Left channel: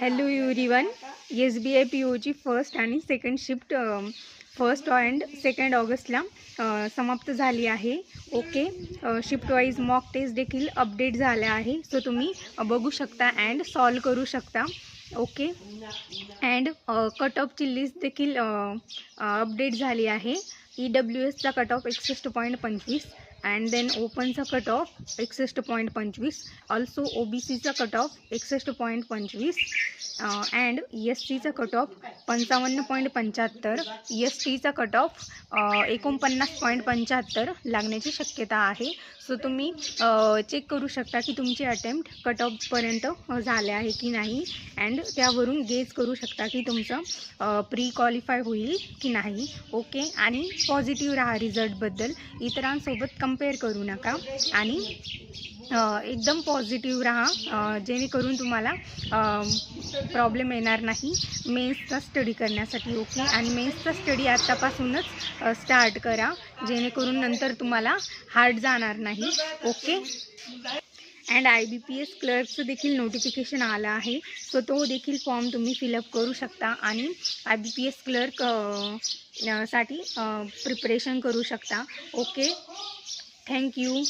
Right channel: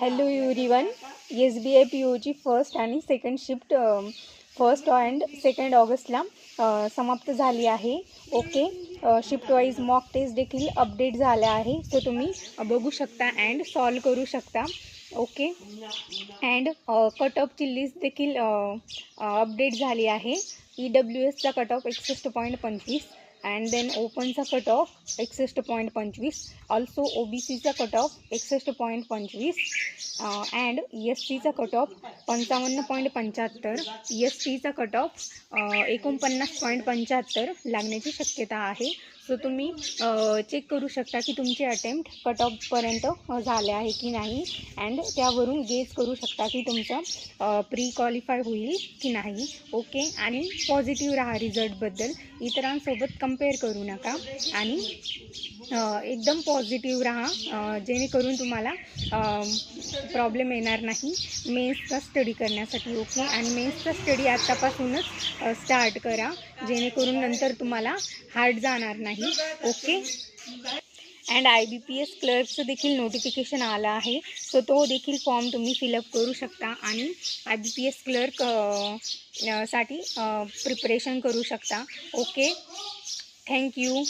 Hello everyone. SBI POची first आणि second shift 1 and 2 ऑगस्टला समाप्त झाली आहे. Okay. Shift wise mock test देखील अपडेट झाल्या आहे, सो तुम्ही बघू शकता अँड सॉल्व करू शकता. ओके. अँड कट ऑफची लिस्ट देखील अपडेट झाली आहे. EWSचा कट ऑफ 61.25 अँड देन ओपनचा कट ऑफ 61.25, ऑल्सो OBCचा कट ऑफ 61.25 अँड SCचा कट ऑफ 55.75, STचा कट ऑफ 49.75 लागण्याची शक्यता आहे. सो तुम्ही चेक करू शकता की तुमचे अटेम्प्ट कट ऑफपर्यंत झाले आहे की नाही, अँड त्यावरून गेज करू शकता की तुमचं प्री क्वालिफाय होईल की नाही. ओके. आणि पॉझिटिव्ह राहा रिझल्टबद्दल, इतरांसोबत कंपेअर करू नका आणि एकदम पॉझिटिव्ह राहा, जेणेकरून तुम्हाला प्रॉब्लेम येणार नाही मेन्सचा स्टडी करण्यासाठी. ओके. आणि मेन्सचा स्टडी आत्तापासूनच स्टार्ट करा, जेणेकरून नंतर तुम्हाला हार्ड जाणार नाही. ओके. अँड IBPS क्लर्कचं देखील नोटिफिकेशन आलं आहे, सो तो देखील फॉर्म तुम्ही फिलअप करू शकता आणि IBPS क्लर्क साठी प्रिपरेशन करू शकता. ओके. थँक्यू.